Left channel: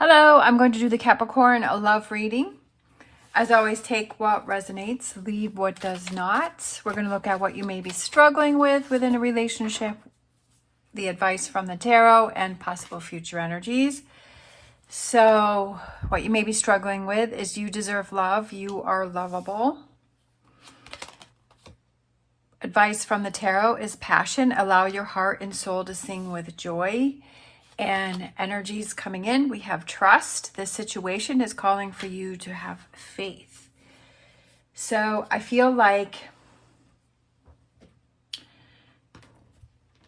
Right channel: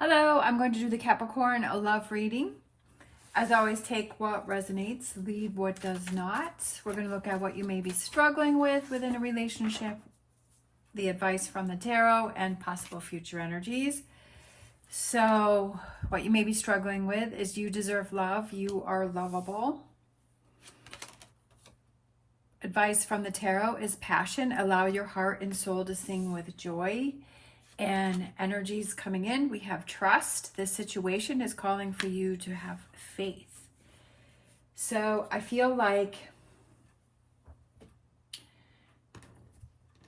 Hello, I'm going to do the Capricorn love reading. As always, take what resonates, leave what does not. We're going to look at what you may be struggling with within a relationship, the advice from the tarot, and possible future energies. So, what you may be struggling with is you deserve love. You are lovable. Advice from the tarot is passion. Allow your heart and soul to sing with joy. And energies coming in, we have trust. This situation is calling for you to have faith. So I feel like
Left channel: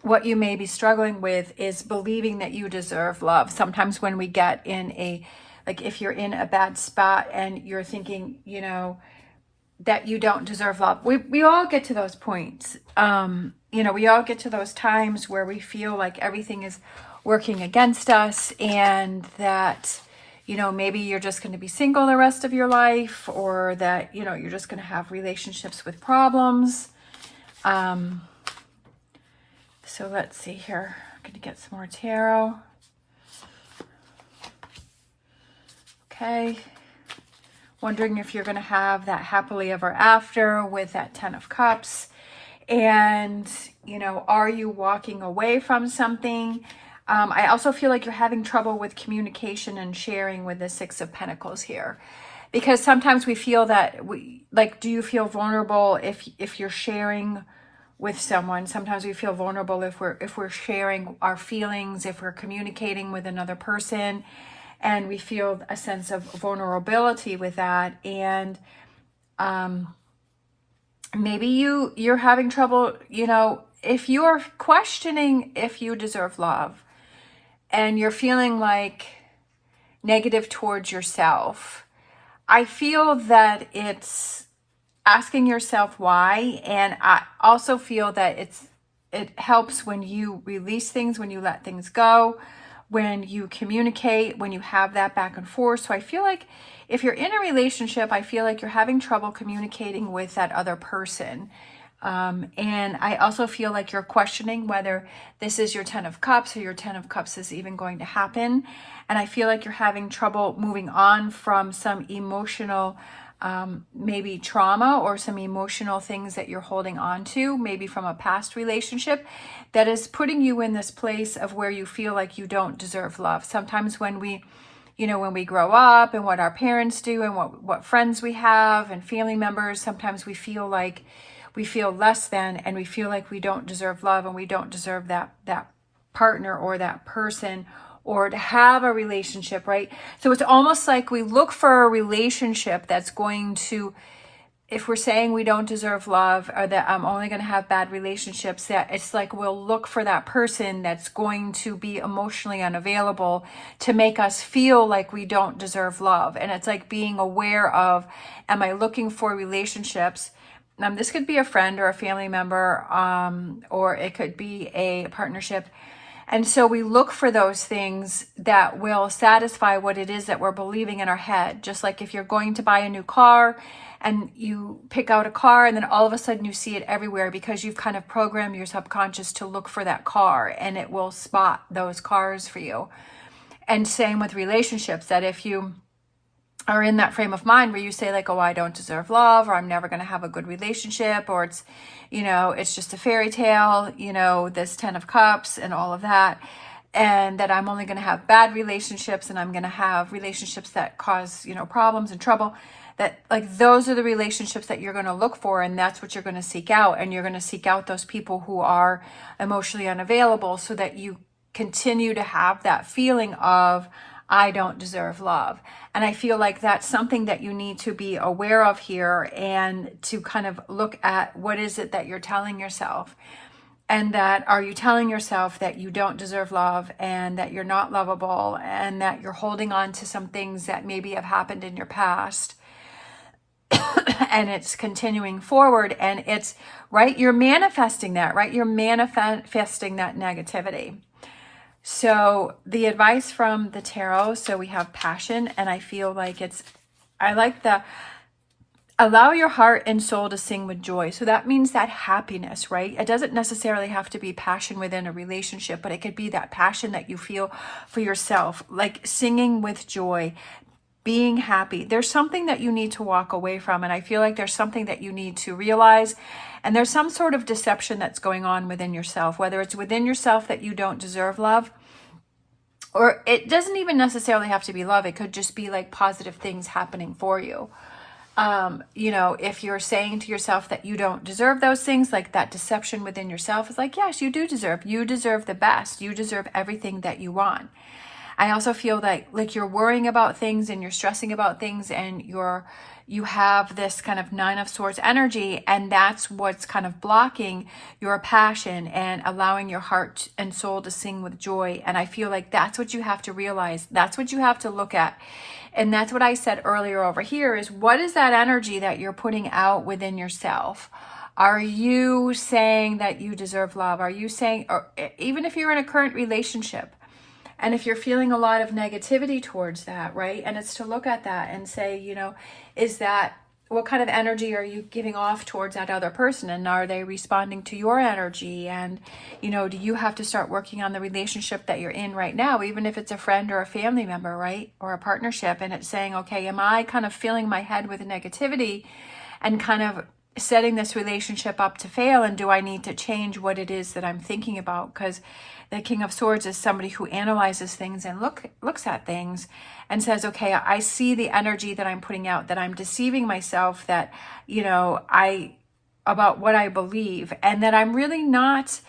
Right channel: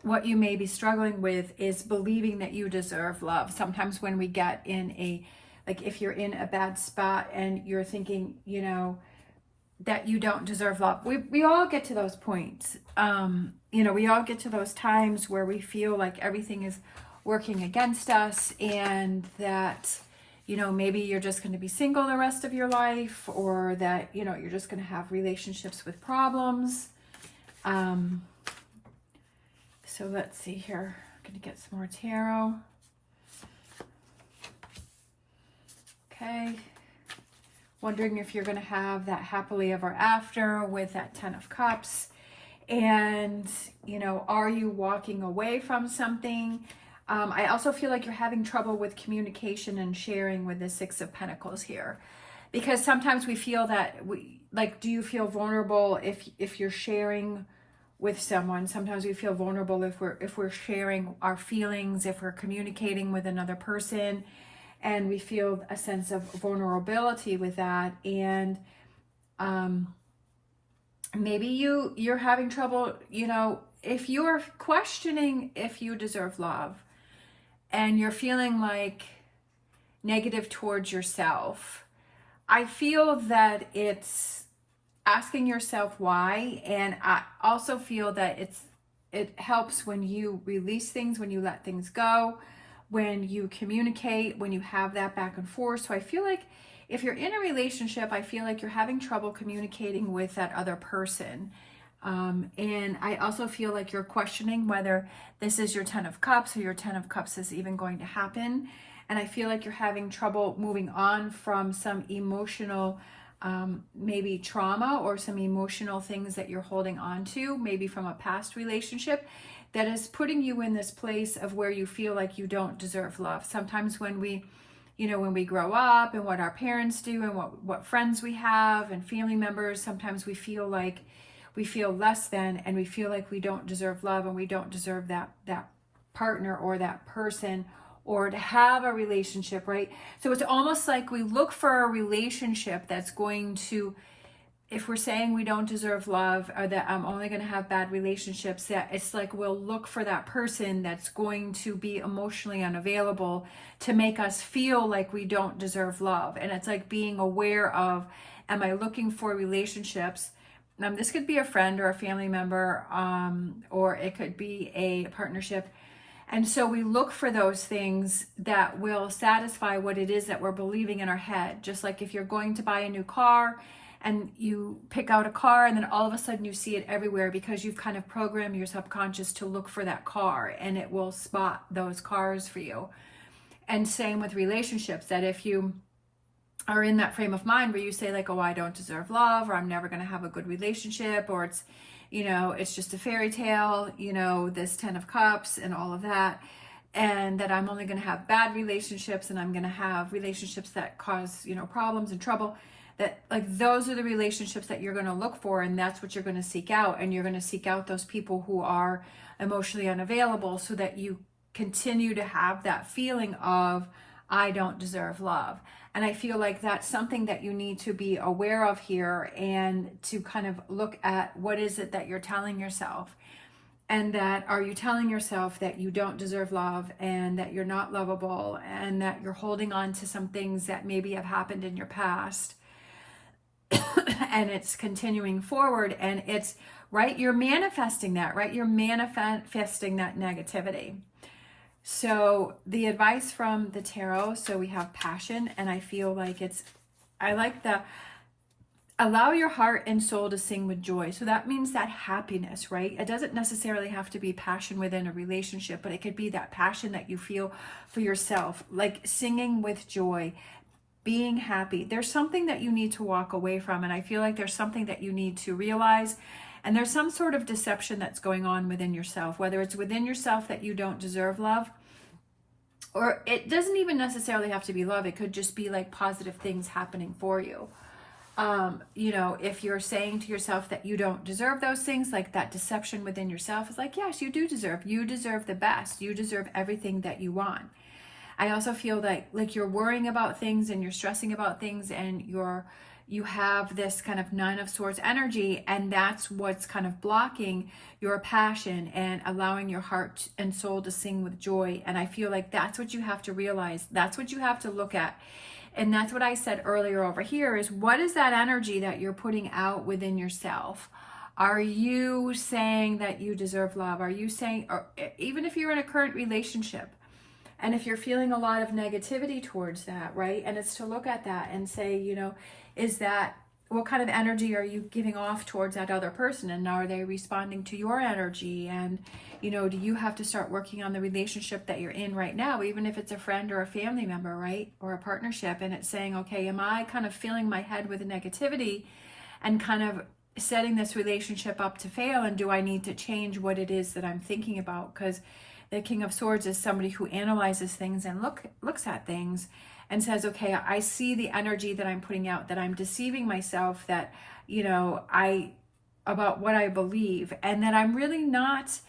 what you may be struggling with is believing that you deserve love. Sometimes when we get in if you're in a bad spot and you're thinking, that you don't deserve love. We all get to those points. We all get to those times where we feel like everything is working against us and that, maybe you're just going to be single the rest of your life, or that, you're just going to have relationships with problems. So let's see here. I'm going to get some more tarot. Okay. Wondering if you're going to have that happily ever after with that 10 of Cups. And, are you walking away from something? I also feel like you're having trouble with communication and sharing with the 6 of Pentacles here. Because sometimes we feel that, do you feel vulnerable if you're sharing with someone? Sometimes we feel vulnerable if we're sharing our feelings, if we're communicating with another person. And we feel a sense of vulnerability with that. And maybe you're having trouble, if you're questioning if you deserve love and you're feeling like negative towards yourself, I feel that it's asking yourself why. And I also feel that it helps when you release things, when you let things go, when you communicate, when you have that back and forth. So I feel like if you're in a relationship, I feel like you're having trouble communicating with that other person. And I also feel like you're questioning whether this is your 10 of Cups or your 10 of Cups is even going to happen. And I feel like you're having trouble moving on from some emotional maybe trauma or some emotional things that you're holding on to, maybe from a past relationship that is putting you in this place of where you feel like you don't deserve love. Sometimes when we grow up and what our parents do and what friends we have and family members, sometimes we feel like we feel less than, and we feel like we don't deserve love and we don't deserve that partner or that person or to have a relationship, right? So it's almost like we look for a relationship that's going to, if we're saying we don't deserve love or that I'm only going to have bad relationships, that it's like we'll look for that person that's going to be emotionally unavailable to make us feel like we don't deserve love. And it's like being aware of, am I looking for relationships? This could be a friend or a family member, or it could be a partnership. And so we look for those things that will satisfy what it is that we're believing in our head. Just like if you're going to buy a new car and you pick out a car and then all of a sudden you see it everywhere because you've kind of programmed your subconscious to look for that car, and it will spot those cars for you. And same with relationships, that if you are in that frame of mind where you say like, oh, I don't deserve love, or I'm never going to have a good relationship, or it's, it's just a fairy tale, this 10 of Cups and all of that, and that I'm only going to have bad relationships and I'm going to have relationships that cause, problems and trouble, that like those are the relationships that you're going to look for, and that's what you're going to seek out. And you're going to seek out those people who are emotionally unavailable so that you continue to have that feeling of, I don't deserve love. And I feel like that's something that you need to be aware of here, and to kind of look at what is it that you're telling yourself. And that, are you telling yourself that you don't deserve love and that you're not lovable and that you're holding on to some things that maybe have happened in your past and it's continuing forward, and it's, right, you're manifesting that, right? You're manifesting that negativity. So the advice from the tarot, so we have passion, and I feel like I like allow your heart and soul to sing with joy. So that means that happiness, right? It doesn't necessarily have to be passion within a relationship, but it could be that passion that you feel for yourself, like singing with joy, being happy. There's something that you need to walk away from. And I feel like there's something that you need to realize. And there's some sort of deception that's going on within yourself, whether it's within yourself that you don't deserve love, or it doesn't even necessarily have to be love. It could just be like positive things happening for you. If you're saying to yourself that you don't deserve those things, like that deception within yourself is like, yes, you deserve the best. You deserve everything that you want. I also feel like you're worrying about things and you're stressing about things, and you have this kind of 9 of Swords energy, and that's what's kind of blocking your passion and allowing your heart and soul to sing with joy. And I feel like that's what you have to realize. That's what you have to look at. And that's what I said earlier over here is, what is that energy that you're putting out within yourself? Are you saying that you deserve love? Are you saying, or even if you're in a current relationship, and if you're feeling a lot of negativity towards that, right? And it's to look at that and say, is that, what kind of energy are you giving off towards that other person? And are they responding to your energy? And, do you have to start working on the relationship that you're in right now, even if it's a friend or a family member, right? Or a partnership. And it's saying, okay, am I kind of filling my head with negativity and kind of setting this relationship up to fail? And do I need to change what it is that I'm thinking about? Because the King of Swords is somebody who analyzes things and looks at things and says, okay, I see the energy that I'm putting out, that I'm deceiving myself, that, about what I believe, and that I'm really not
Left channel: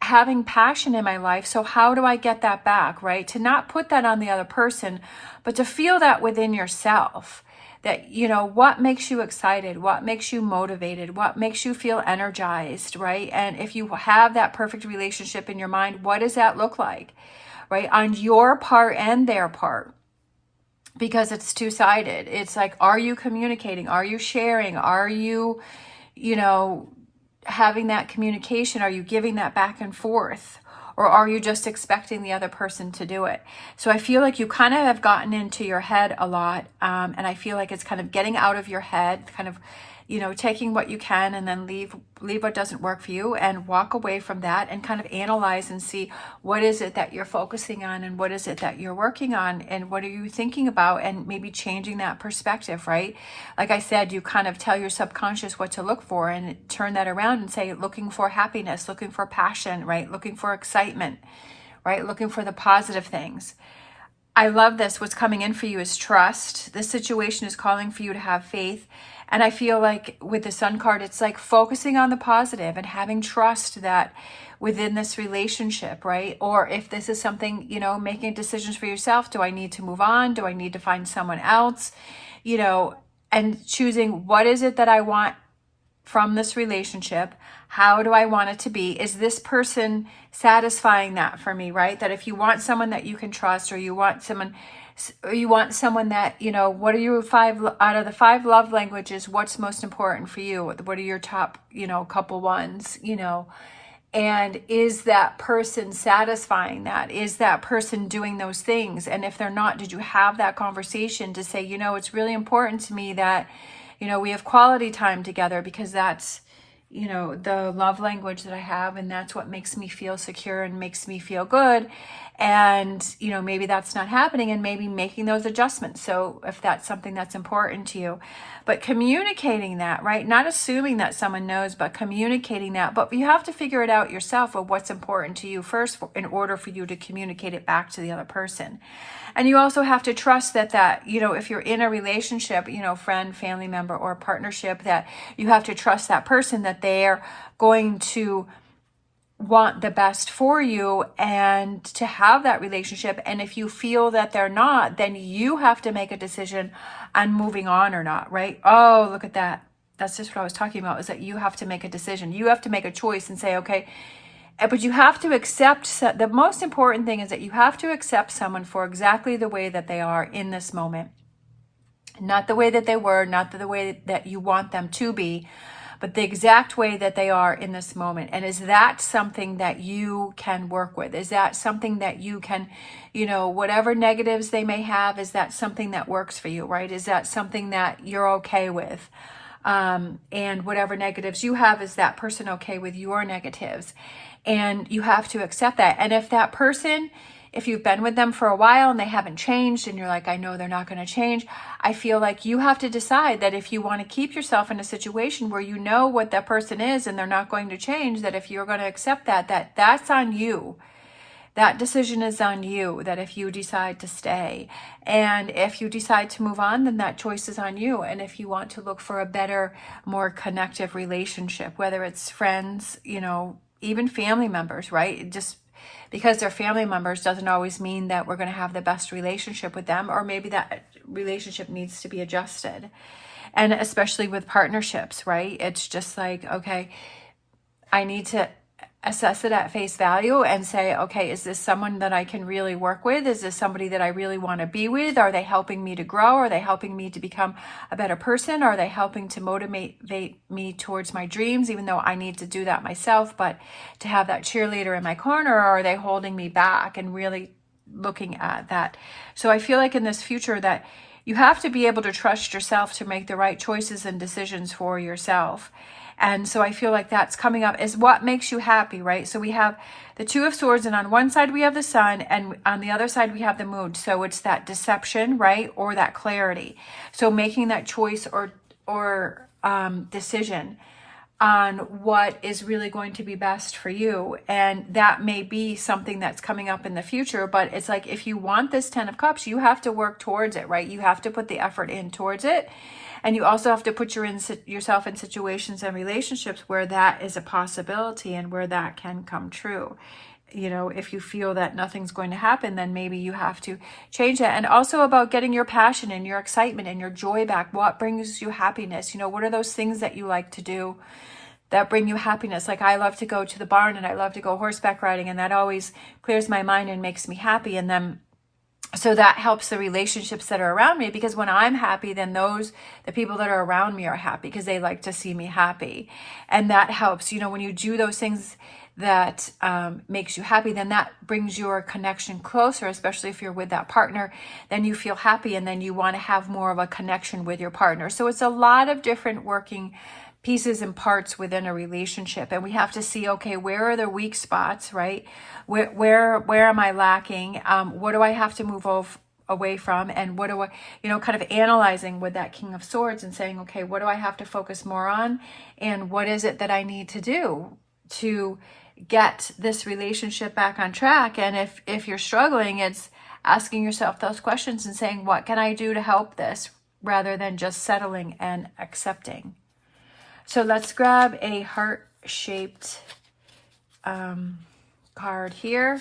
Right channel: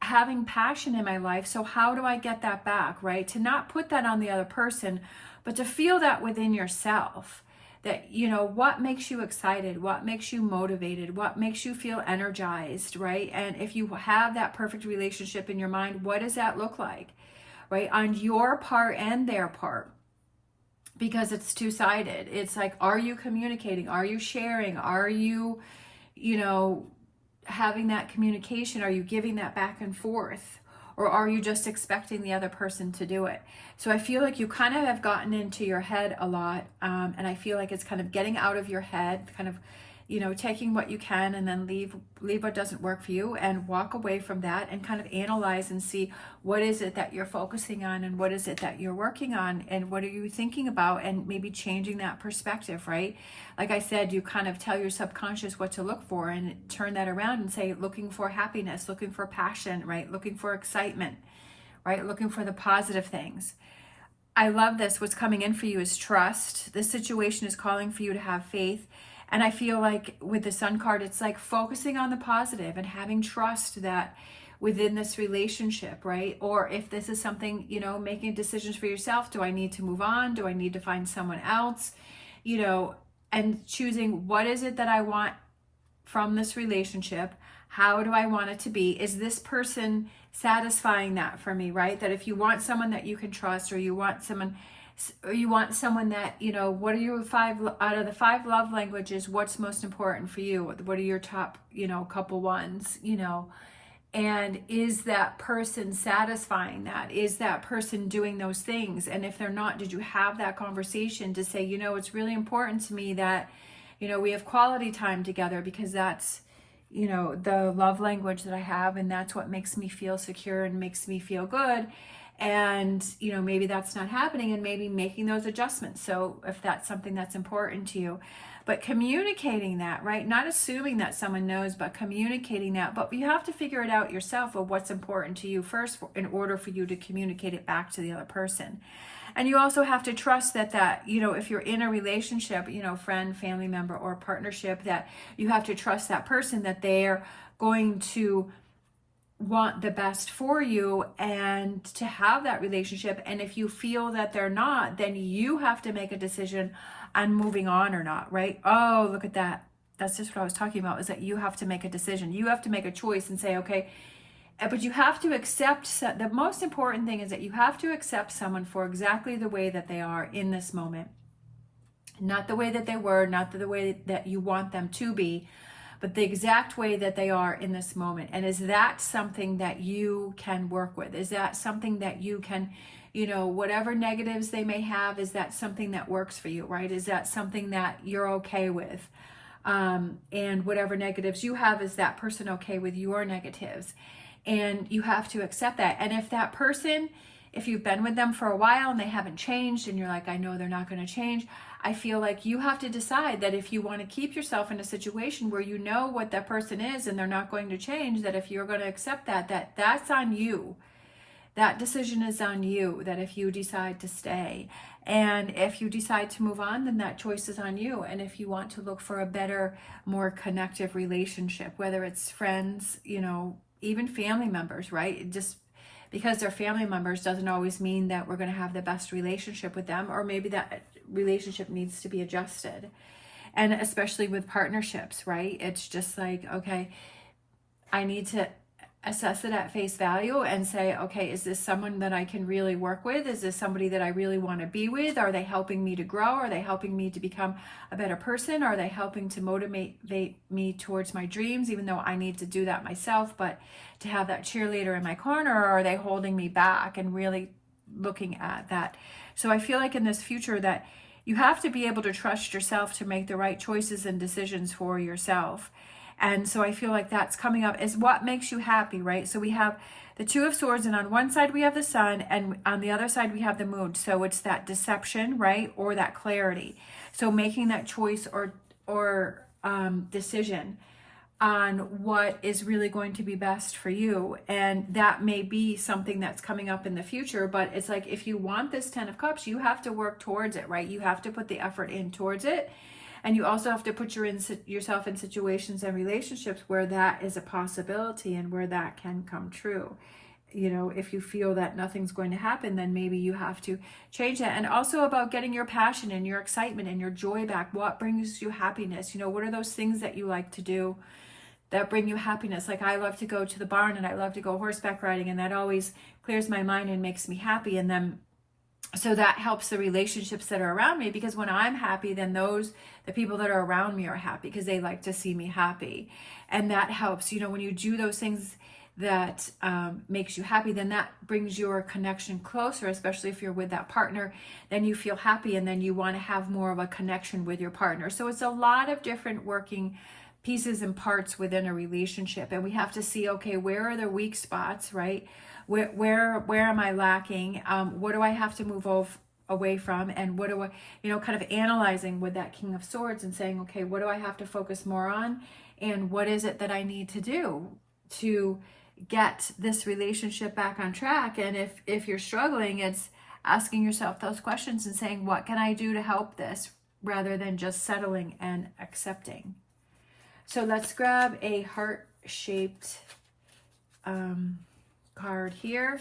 having passion in my life. So how do I get that back, right? To not put that on the other person, but to feel that within yourself. That, what makes you excited? What makes you motivated? What makes you feel energized, right? And if you have that perfect relationship in your mind, what does that look like, right? On your part and their part, because it's two-sided. It's like, are you communicating? Are you sharing? Are you, having that communication? Are you giving that back and forth? Or are you just expecting the other person to do it? So I feel like you kind of have gotten into your head a lot. And I feel like it's kind of getting out of your head, kind of, taking what you can and then leave what doesn't work for you, and walk away from that and kind of analyze and see, what is it that you're focusing on, and what is it that you're working on, and what are you thinking about, and maybe changing that perspective, right? Like I said, you kind of tell your subconscious what to look for and turn that around and say, looking for happiness, looking for passion, right? Looking for excitement, right? Looking for the positive things. I love this. What's coming in for you is trust. This situation is calling for you to have faith. And I feel like with the Sun card, it's like focusing on the positive and having trust that within this relationship, right? Or if this is something, making decisions for yourself, do I need to move on? Do I need to find someone else? And choosing, what is it that I want from this relationship? How do I want it to be? Is this person satisfying that for me, right? That if you want someone that you can trust, or you want someone that, what are your 5 out of the 5 love languages? What's most important for you? What are your top, couple ones, and is that person satisfying that? Is that person doing those things? And if they're not, did you have that conversation to say, it's really important to me that, we have quality time together, because that's, the love language that I have, and that's what makes me feel secure and makes me feel good. And, maybe that's not happening, and maybe making those adjustments. So if that's something that's important to you, but communicating that, right? Not assuming that someone knows, but communicating that. But you have to figure it out yourself of what's important to you first in order for you to communicate it back to the other person. And you also have to trust that, if you're in a relationship, friend, family member, or partnership, that you have to trust that person, that they're going to want the best for you and to have that relationship. And if you feel that they're not, then you have to make a decision on moving on or not, right? Oh, look at that. That's just what I was talking about, is that you have to make a decision. You have to make a choice and say, okay, but you have to accept, the most important thing is that you have to accept someone for exactly the way that they are in this moment. Not the way that they were, not the way that you want them to be, but the exact way that they are in this moment. And is that something that you can work with? Is that something that you can, whatever negatives they may have, is that something that works for you, right? Is that something that you're okay with? And whatever negatives you have, is that person okay with your negatives? And you have to accept that. And if that person, if you've been with them for a while and they haven't changed and you're like, I know they're not going to change, I feel like you have to decide that if you want to keep yourself in a situation where you know what that person is and they're not going to change, that if you're going to accept that's on you. That decision is on you, that if you decide to stay. And if you decide to move on, then that choice is on you. And if you want to look for a better, more connective relationship, whether it's friends, even family members, right? Just because they're family members doesn't always mean that we're going to have the best relationship with them, or maybe that relationship needs to be adjusted. And especially with partnerships, right? It's just like, okay, I need to assess it at face value and say, okay, is this someone that I can really work with? Is this somebody that I really want to be with? Are they helping me to grow? Are they helping me to become a better person? Are they helping to motivate me towards my dreams, even though I need to do that myself, but to have that cheerleader in my corner? Or are they holding me back? And really looking at that. So I feel like in this future that you have to be able to trust yourself to make the right choices and decisions for yourself. And so I feel like that's coming up is what makes you happy, right? So we have the Two of Swords, and on one side we have the Sun, and on the other side we have the Moon. So it's that deception, right? Or that clarity. So making that choice or decision on what is really going to be best for you. And that may be something that's coming up in the future, but it's like, if you want this 10 of Cups, you have to work towards it, right? You have to put the effort in towards it. And you also have to put yourself in situations and relationships where that is a possibility and where that can come true. If you feel that nothing's going to happen, then maybe you have to change that. And also about getting your passion and your excitement and your joy back. What brings you happiness? What are those things that you like to do that bring you happiness? Like, I love to go to the barn and I love to go horseback riding, and that always clears my mind and makes me happy. And then so that helps the relationships that are around me, because when I'm happy, then the people that are around me are happy because they like to see me happy. And that helps, when you do those things that makes you happy, then that brings your connection closer, especially if you're with that partner. Then you feel happy, and then you want to have more of a connection with your partner. So it's a lot of different working pieces and parts within a relationship. And we have to see, okay, where are the weak spots, right? Where am I lacking? What do I have to move away from? And what do I, kind of analyzing with that King of Swords and saying, okay, what do I have to focus more on? And what is it that I need to do to get this relationship back on track? And if you're struggling, it's asking yourself those questions and saying, what can I do to help this, rather than just settling and accepting. So let's grab a heart-shaped card here.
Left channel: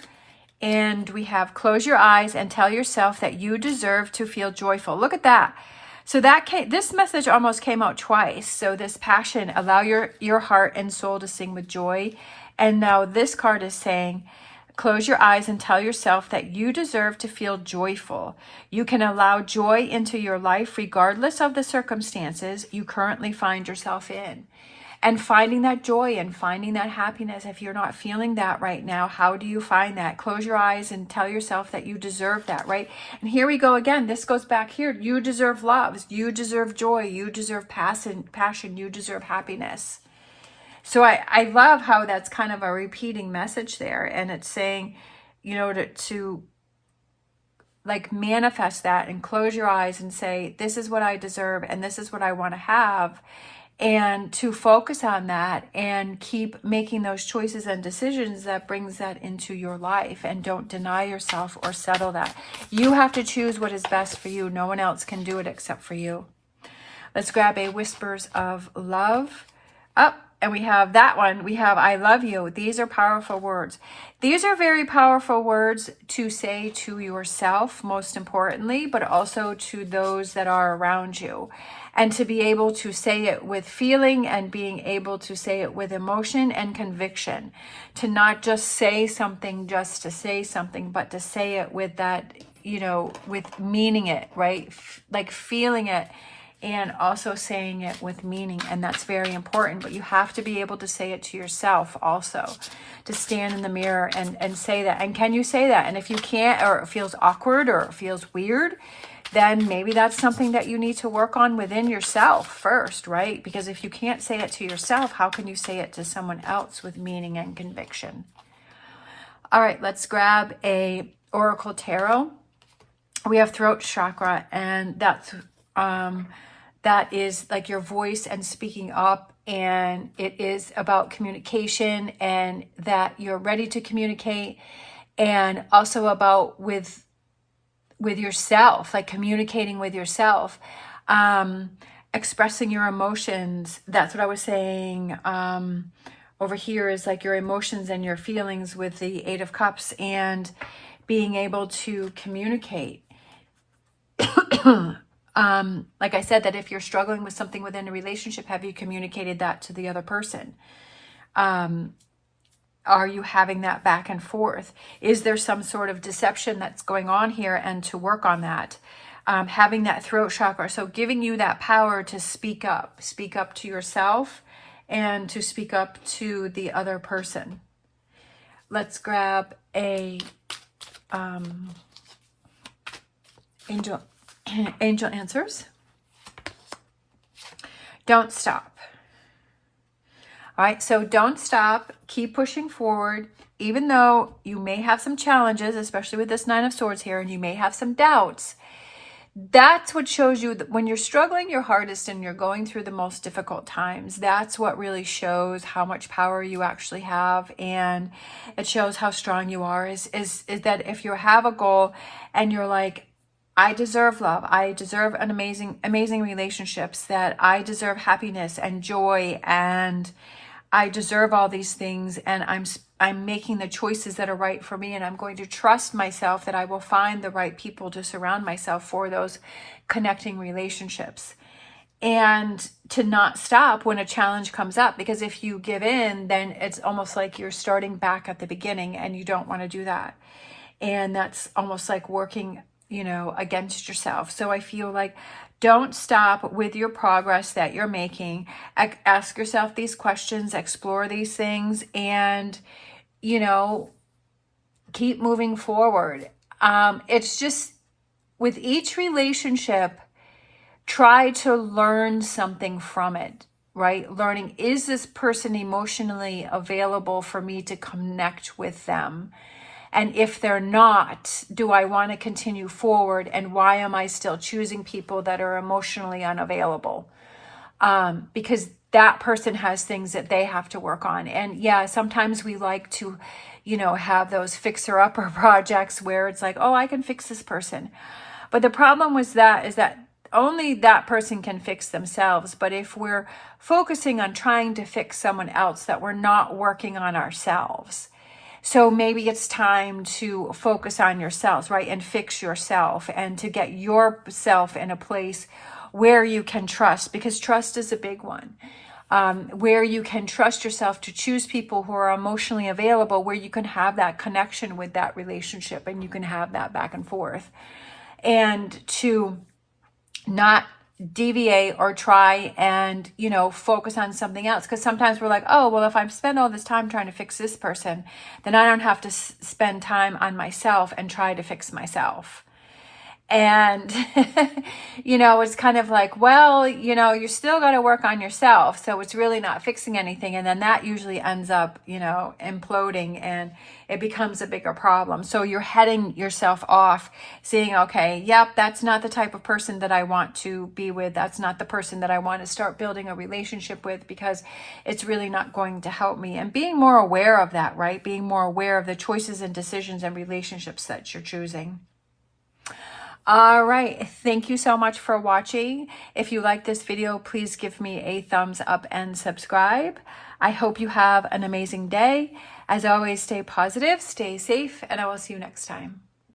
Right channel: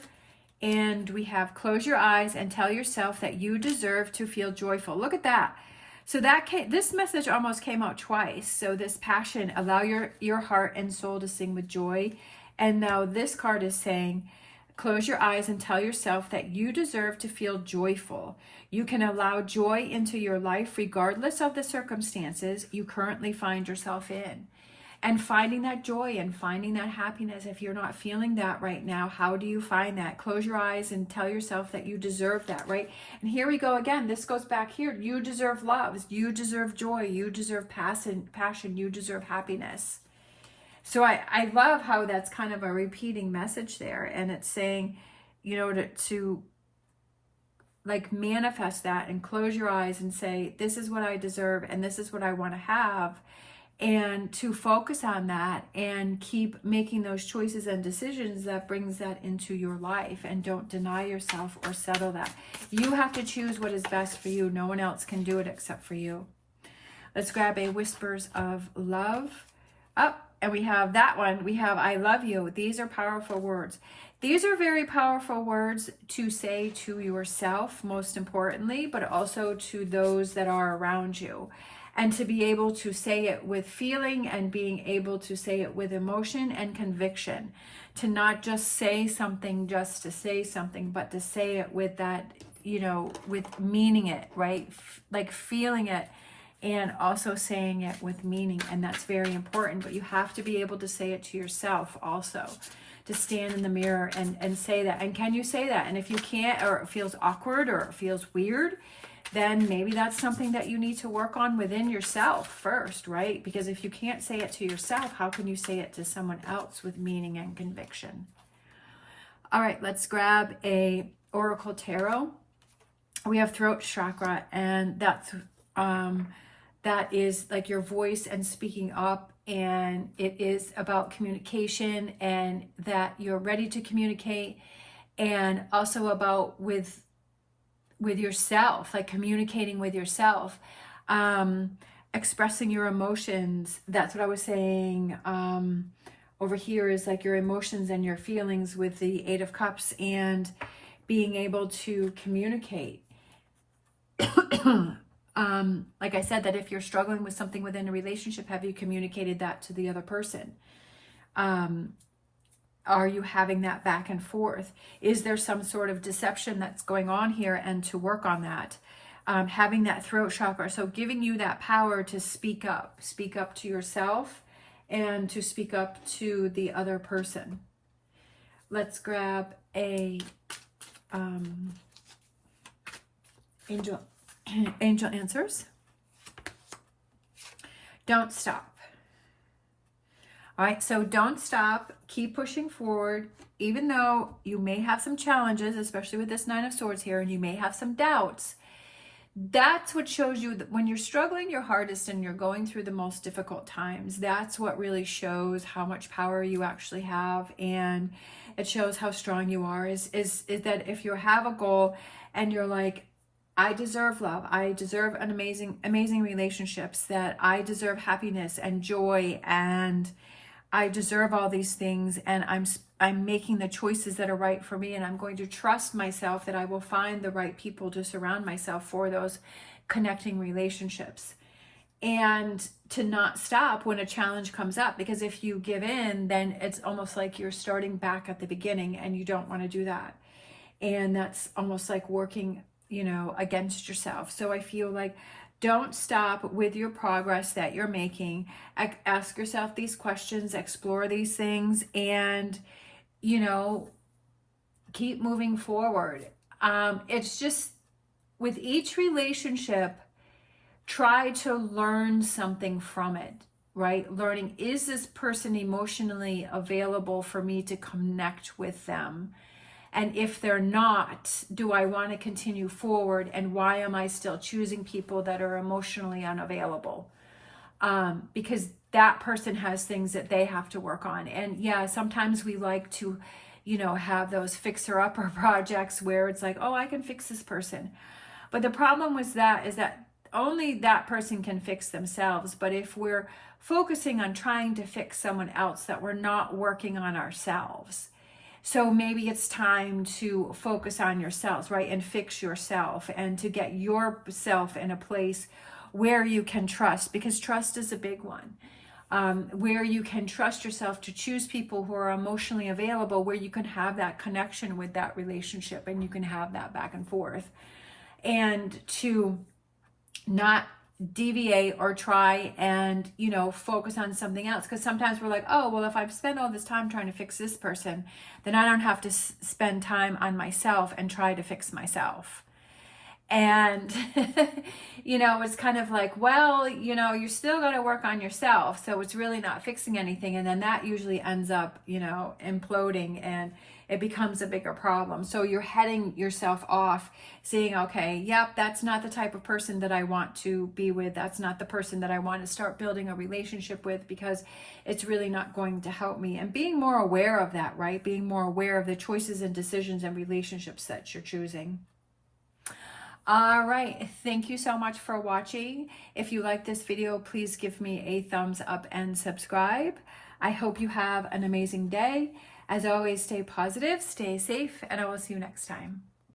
And we have, close your eyes and tell yourself that you deserve to feel joyful. Look at that. So this message almost came out twice. So this passion, allow your heart and soul to sing with joy. And now this card is saying, close your eyes and tell yourself that you deserve to feel joyful. You can allow joy into your life regardless of the circumstances you currently find yourself in. And finding that joy and finding that happiness. If you're not feeling that right now, how do you find that? Close your eyes and tell yourself that you deserve that, right? And here we go again. This goes back here. You deserve love. You deserve joy. You deserve passion. You deserve happiness. So I love how that's kind of a repeating message there. And it's saying, to like manifest that and close your eyes and say, this is what I deserve and this is what I want to have. And to focus on that and keep making those choices and decisions that brings that into your life, and don't deny yourself or settle that. You have to choose what is best for you. No one else can do it except for you. Let's grab a Whispers of Love. And we have that one. We have I love you. These are powerful words. These are very powerful words to say to yourself, most importantly, but also to those that are around you. And to be able to say it with feeling and being able to say it with emotion and conviction. To not just say something just to say something, but to say it with that, with meaning it, right? Like feeling it and also saying it with meaning. And that's very important, but you have to be able to say it to yourself also, to stand in the mirror and say that. And can you say that? And if you can't, or it feels awkward or it feels weird, then maybe that's something that you need to work on within yourself first, right? Because if you can't say it to yourself, how can you say it to someone else with meaning and conviction? All right, let's grab a Oracle Tarot. We have throat chakra, and that is like your voice and speaking up, and it is about communication and that you're ready to communicate, and also about with yourself, like communicating with yourself, expressing your emotions. That's what I was saying. Over here is like your emotions and your feelings with the Eight of Cups, and being able to communicate. Like I said, that if you're struggling with something within a relationship, have you communicated that to the other person? Are you having that back and forth? Is there some sort of deception that's going on here, and to work on that? Having that throat chakra, so giving you that power to speak up to yourself and to speak up to the other person. Let's grab a angel answers. Don't stop. All right, so don't stop. Keep pushing forward, even though you may have some challenges, especially with this Nine of Swords here, and you may have some doubts. That's what shows you that when you're struggling your hardest and you're going through the most difficult times, that's what really shows how much power you actually have, and it shows how strong you are, is that if you have a goal and you're like, I deserve love, I deserve an amazing relationships, that I deserve happiness and joy, and I deserve all these things, and I'm making the choices that are right for me, and I'm going to trust myself that I will find the right people to surround myself for those connecting relationships. And to not stop when a challenge comes up, because if you give in, then it's almost like you're starting back at the beginning, and you don't want to do that. And that's almost like working, against yourself. So I feel like, don't stop with your progress that you're making. Ask yourself these questions, explore these things, and, keep moving forward. It's just with each relationship, try to learn something from it, right? Learning, is this person emotionally available for me to connect with them? And if they're not, do I want to continue forward? And why am I still choosing people that are emotionally unavailable? Because that person has things that they have to work on. And yeah, sometimes we like to, have those fixer-upper projects where it's like, oh, I can fix this person. But the problem with that is that only that person can fix themselves. But if we're focusing on trying to fix someone else, that we're not working on ourselves. So maybe it's time to focus on yourselves, right? And fix yourself, and to get yourself in a place where you can trust, because trust is a big one. Where you can trust yourself to choose people who are emotionally available, where you can have that connection with that relationship, and you can have that back and forth. And to not deviate or try and, focus on something else. Because sometimes we're like, oh, well, if I spend all this time trying to fix this person, then I don't have to spend time on myself and try to fix myself. And, it's kind of like, well, you still got to work on yourself. So it's really not fixing anything. And then that usually ends up, imploding, and it becomes a bigger problem. So you're heading yourself off, saying, okay, yep, that's not the type of person that I want to be with. That's not the person that I want to start building a relationship with, because it's really not going to help me. And being more aware of that, right? Being more aware of the choices and decisions and relationships that you're choosing. All right, thank you so much for watching. If you like this video, please give me a thumbs up and subscribe. I hope you have an amazing day. As always, stay positive, stay safe, and I will see you next time.